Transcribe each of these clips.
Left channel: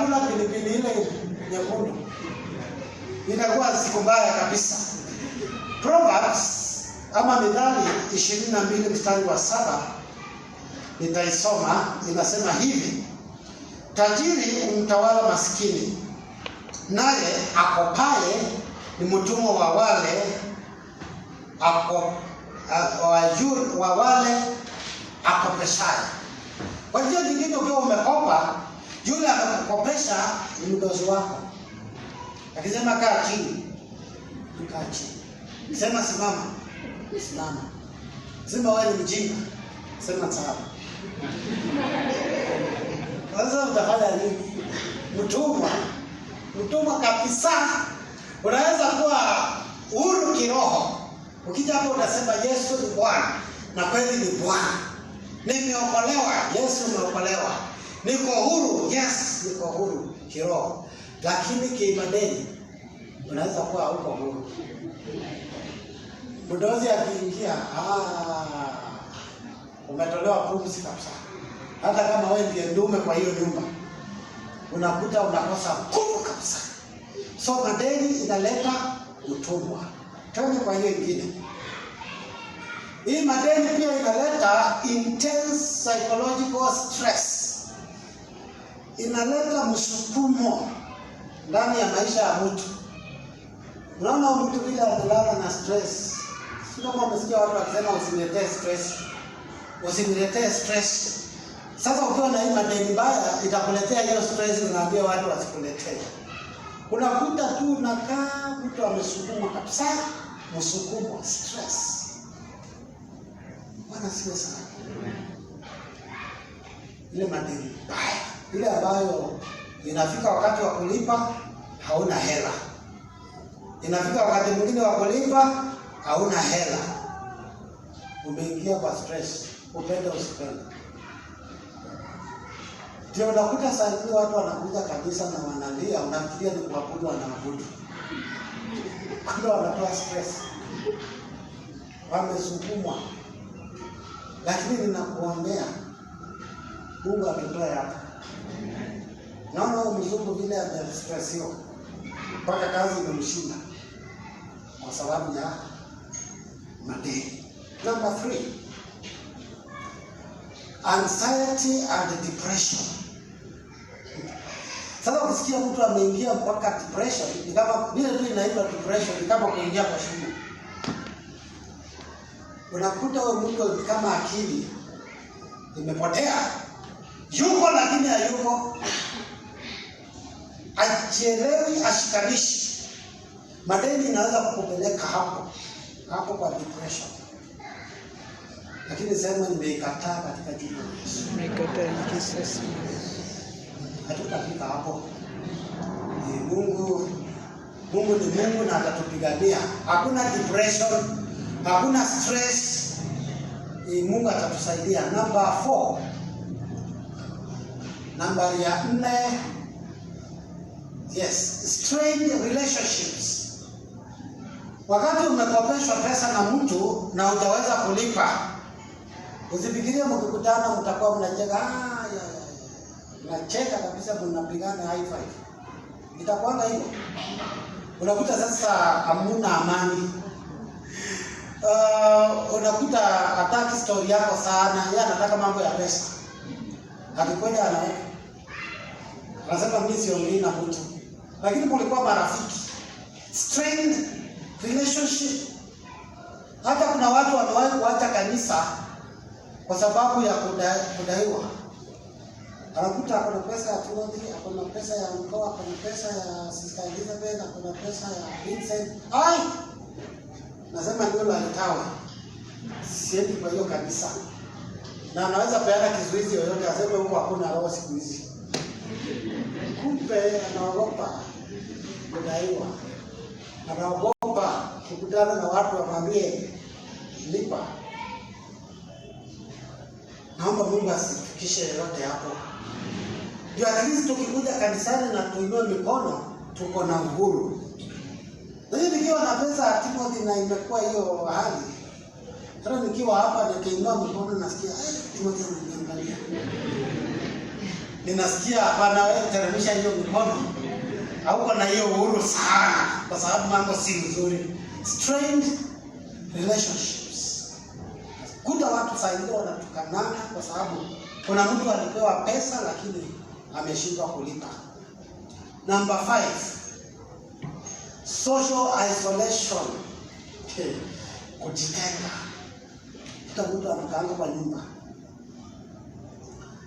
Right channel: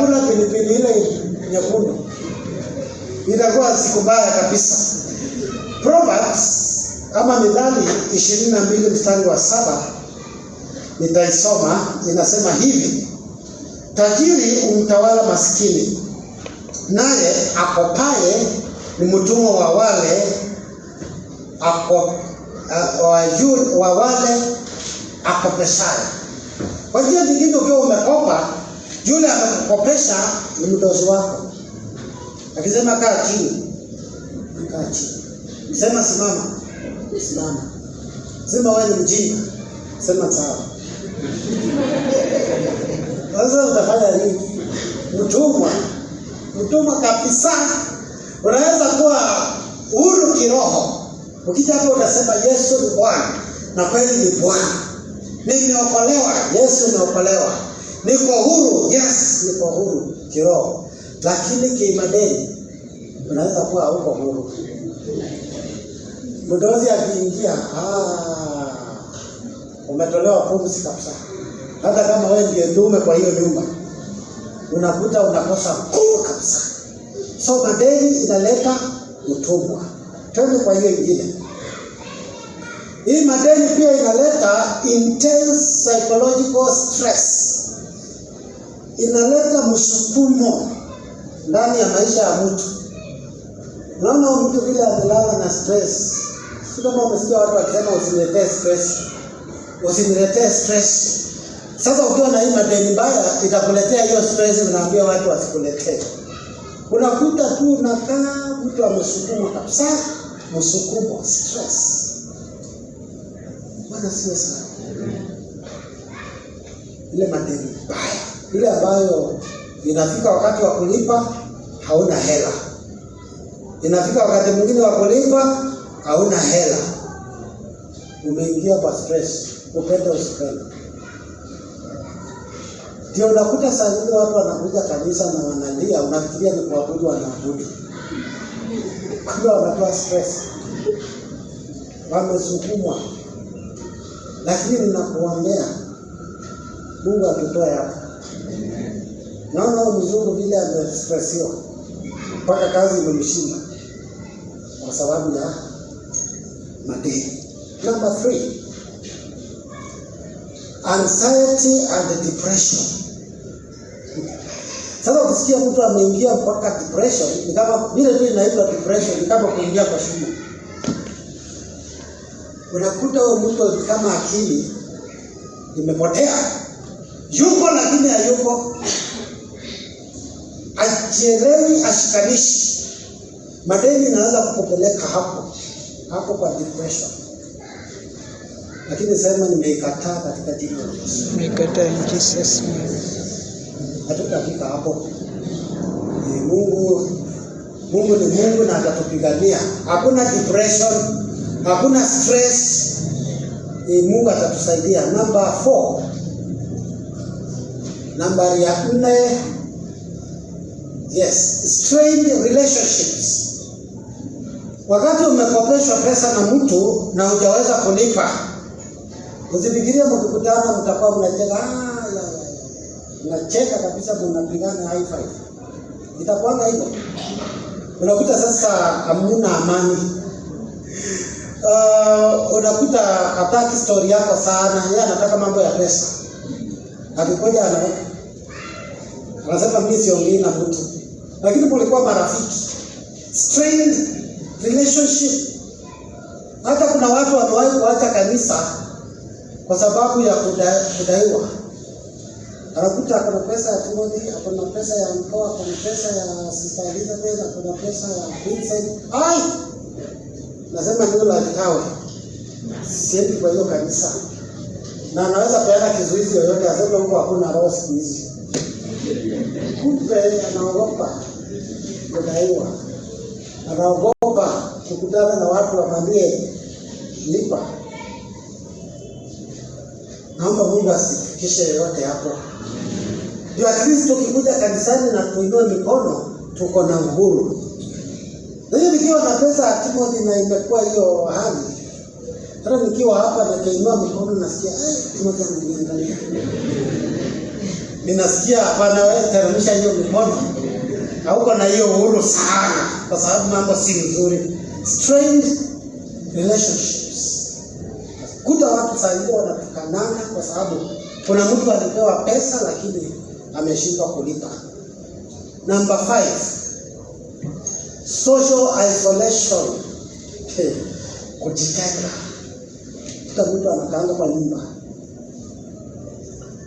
hakuna pilipili ile nyekundu. Itakuwa siku mbaya kabisa. Proverbs ama Mithali 22 mstari wa 7 nitaisoma, inasema hivi: tajiri umtawala maskini, naye akopaye ni mtumwa wa wale akopeshaye. Kwa hiyo ndivyo ukiwa umekopa, yule akakopesha ni mdozi wako. Akisema kaa chini, kaa chini. Sema simama, simama. Sema wewe ni mjinga, sema sawa. Sasa utafanya nini? Mtumwa kabisa. Unaweza kuwa huru kiroho. Ukija hapo unasema Yesu ni Bwana, na kweli ni Bwana. Nimeokolewa, Yesu ameokolewa. Niko huru, yes, niko huru kiroho. Lakini kimadeni unaweza kuwa huko huru. Mdozi akiingia, umetolewa pumzi kabisa. Hata kama wewe ndiye ndume kwa hiyo nyumba, unakuta unakosa nguvu kabisa. So madeni inaleta utumwa. Twende kwa hiyo ingine. Hii madeni pia inaleta intense psychological stress. Inaleta msukumo ndani ya maisha ya mtu. Unaona mtu vile amelala na stress. Sio kama umesikia watu wakisema usiniletee stress. Usiniletee stress. Sasa ukiwa na hii madeni mbaya itakuletea hiyo stress, unaambia watu wasikuletee. Unakuta tu unakaa mtu amesukumwa kabisa, msukumo, stress. Bwana siwe sana. Ile madeni mbaya, ile ambayo inafika wakati wa kulipa hauna hela. Inafika wakati mwingine wa kulipa hauna hela. Umeingia kwa stress, upende usipende. Ndio unakuta saa nyingine watu wanakuja kanisa na wanalia, unafikiria ni kuabudu, wanaabudu. Kwa wanatoa stress. Wamesukumwa. Lakini ninakuombea Mungu atutoe hapa. Naona mzungu vile amestressiwa mpaka kazi imemshinda kwa sababu ya madeni. Number 3, anxiety and depression. Sasa ukisikia mtu ameingia mpaka depression, ni kama vile tu inaitwa depression, ni kama kuingia kwa shimo. Unakuta huyo mtu kama akili imepotea. Yuko lakini hayuko. Ajielewi, ashikanishi. Madeni inaanza kukupeleka hapo kwa depression. Lakini sema nimeikataa katika jina la Yesu. Nimeikataa in Jesus name. Hatutafika hapo. Mungu ni Mungu na atatupigania. Hakuna depression, hakuna stress. Mungu atatusaidia. Number 4. Nambari ya 4. Yes, strained relationships. Wakati umekopeshwa pesa na mtu na hujaweza kulipa, usifikirie mkikutana mtakuwa mnacheka, mnacheka kabisa, mnapigana high five. Itakuwa hivyo. Unakuta sasa hamna amani. Unakuta hataki story yako sana, yeye anataka mambo ya pesa. Akikoja anaweka. Anasema mimi siongei na mtu. Lakini kulikuwa marafiki. Strained relationship. Hata kuna watu wamewahi kuacha kanisa kwa sababu ya kudaiwa. Anakuta kuna pesa ya Timothy, kuna pesa ya mkoa, kuna pesa ya Sister Elizabeth, kuna pesa ya Vincent. Nasema ndio la kitawa. Siendi kwa hiyo kanisa. Na anaweza peana kizuizi yoyote, aseme huko hakuna roho siku hizi. Kumbe anaogopa kudaiwa. Anaogopa kukutana na watu wamwambie lipa. Naomba Mungu asifikishe yote hapo. Ndio at least tukikuja kanisani na tuinue mikono, tuko na uhuru. Ndio nikiwa na pesa ya Timothy na imekuwa hiyo hali. Hata nikiwa hapa na kainua mikono nasikia Timothy ananiangalia. ninasikia hapana, wewe teremsha hiyo mikono. Hauko na hiyo uhuru sana, kwa sababu mambo si mzuri. Strained relationships. Kuta watu sasa wanatukanana kwa sababu kuna mtu alipewa pesa lakini ameshindwa kulipa. Number 5. Social isolation. Kujitenga. Kuta mtu anakaanga kwa nyumba.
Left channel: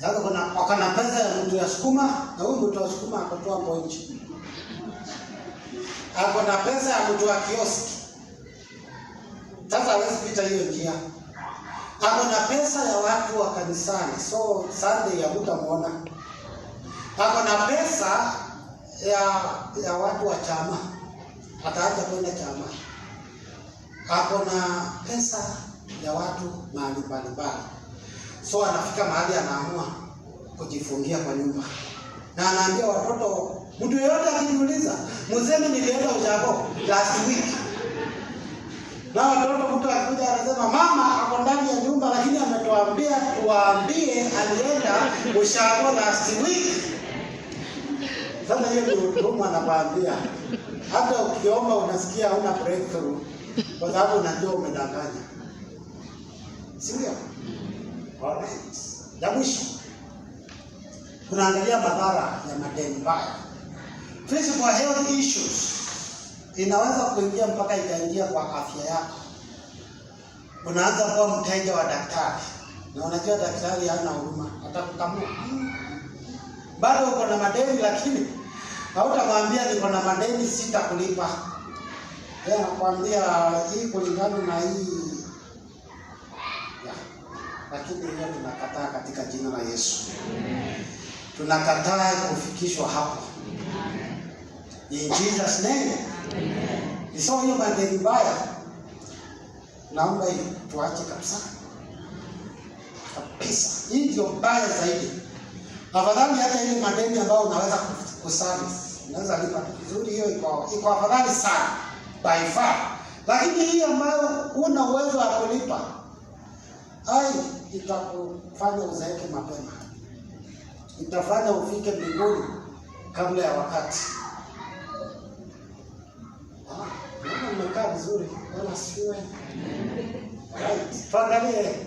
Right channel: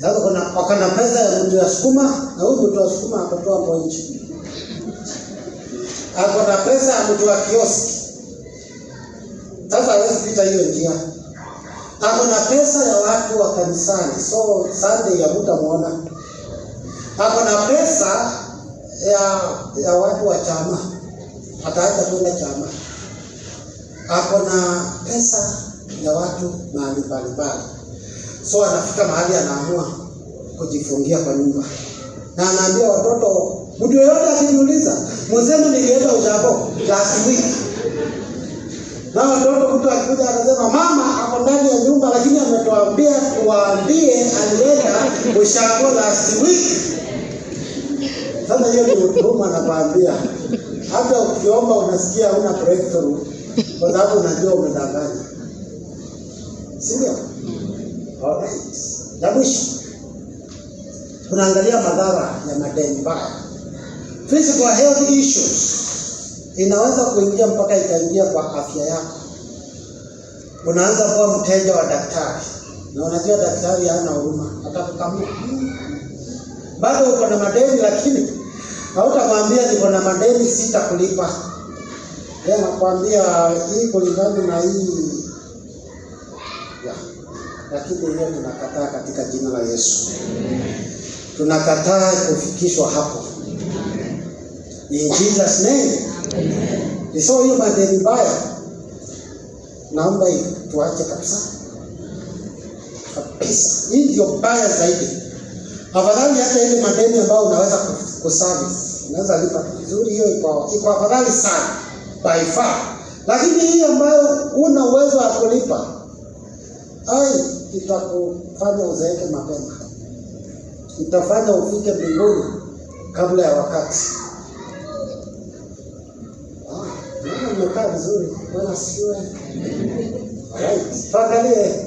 Sasa kuna pesa ya mtu ya sukuma, na huyu mtu wa sukuma akatoa mponji. Ako na pesa ya mtu wa kioski. Sasa hawezi pita hiyo njia. Ako na pesa ya watu wa kanisani, so Sunday ya hutamuona. Ako na pesa ya watu wa chama, ataacha kwenda chama. Ako na pesa ya watu mahali mbalimbali, so anafika mahali anaamua kujifungia kwa nyumba, na anaambia watoto, mtu yeyote akijiuliza, mseme nilienda ushago last week. Na watoto mtu akikuja anasema mama ako ndani ya nyumba lakini ametuambia tuambie alienda ushago last week. Sasa hiyo ni huruma anakuambia. Hata ukiomba unasikia huna breakthrough kwa sababu unajua umedanganya. Sio? Alright. La mwisho, kunaangalia madhara ya madeni mbaya. Physical health issues inaweza kuingia mpaka ikaingia kwa afya yako. Unaanza kuwa mteja wa daktari, na unajua daktari hana huruma, atakukamua. Bado uko na madeni lakini hautamwambia niko na madeni sita kulipa. Yeye anakuambia hii kulingana na hii. Lakini hiyo tunakataa katika jina la Yesu. Tunakataa kufikishwa hapo. In Jesus name. Iso hiyo madeni mbaya, naomba tuache kabisa. Kabisa. Hii ndio mbaya zaidi. Afadhali hata ile madeni ambayo unaweza kuservice, unaweza lipa vizuri, hiyo iko afadhali sana by far. Lakini hii ambayo una uwezo wa kulipa, itakufanya uzeeke mapema. Itafanya ufike mbinguni kabla ya wakati. Umekaa vizuri, Bwana siwe. Right. Tuangalie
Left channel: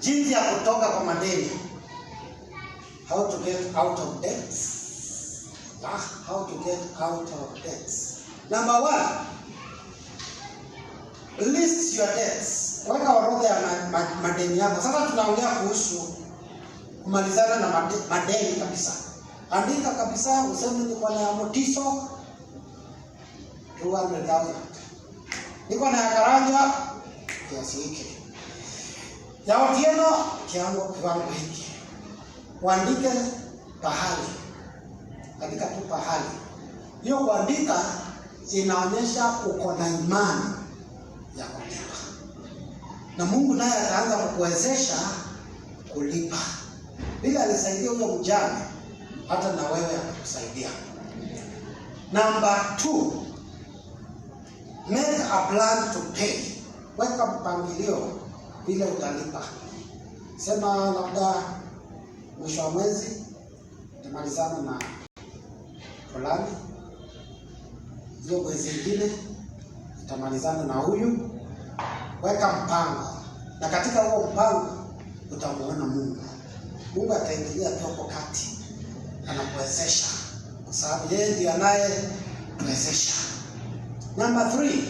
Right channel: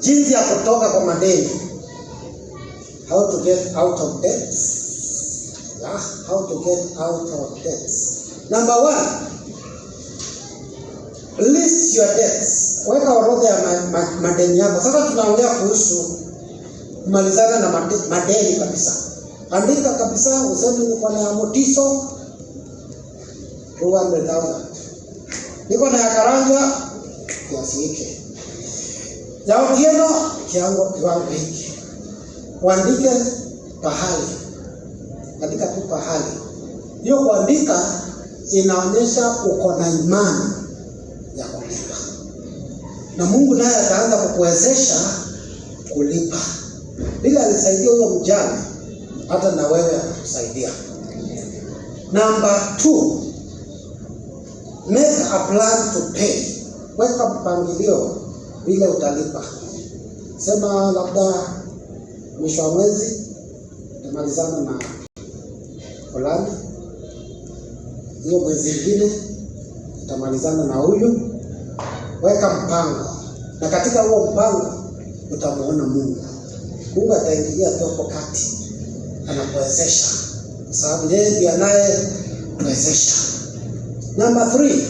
jinsi ya kutoka kwa madeni. How to get out of debt. Yeah, how to get out of debt. Number 1, list your debts. Weka orodha ya madeni yako. Sasa tunaongea kuhusu kumalizana na madeni kabisa. Andika kabisa, useme niko na Motiso 200,000. Niko na Karanja kiasi hiki. Ya Otieno kiwango hiki. Uandike pahali. Andika tu pahali. Hiyo kuandika inaonyesha uko na imani ya kulipa. Na Mungu naye ataanza kukuwezesha kulipa. Bila alisaidia huyo mjane, hata na wewe atakusaidia. Number 2, make a plan to pay. Weka mpangilio vile utalipa. Sema labda mwisho wa mwezi utamalizana na fulani, hiyo mwezi mwingine utamalizana na huyu. Weka mpango, na katika huo mpango utamuona Mungu. Mungu ataingilia hapo kati, anakuwezesha kwa sababu yeye ndiye anayewezesha. Number 3,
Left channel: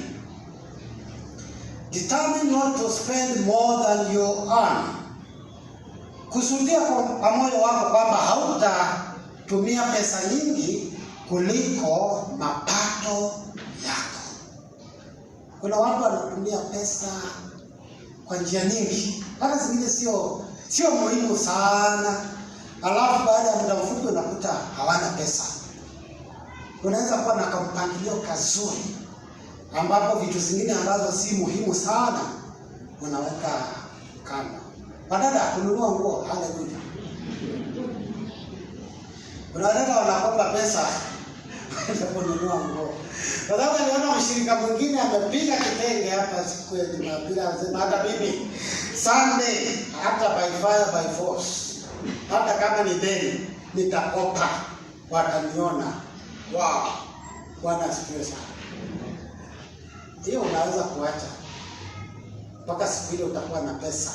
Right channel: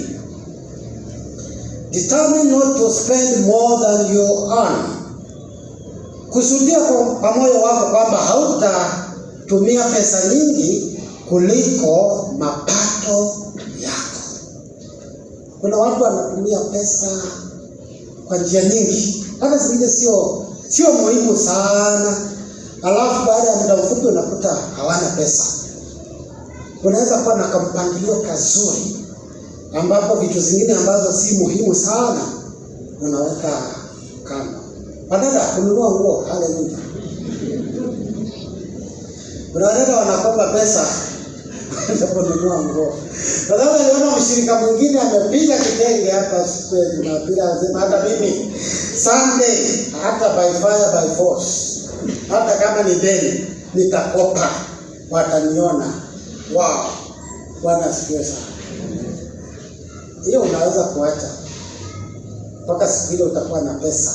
determine not to spend more than you earn. Kusudia kwa moyo wako kwamba hautatumia pesa nyingi kuliko mapato yako. Kuna watu wanatumia pesa kwa njia nyingi, hata zingine sio muhimu sana. Alafu baada ya muda mfupi unakuta hawana pesa. Unaweza kuwa na mpangilio kazuri ambapo vitu zingine ambazo si muhimu sana unaweka kando. Badala ya kununua nguo, haleluya. Kuna watu wanakopa pesa za kununua nguo. Kwa sababu aliona mshirika mwingine amepiga kitenge hapa siku ya Jumapili, anasema hata mimi Sunday hata by fire by force hata kama ni deni nitakopa, wataniona. Wow, Bwana asifiwe sana. Hiyo unaweza kuacha mpaka siku ile utakuwa na pesa.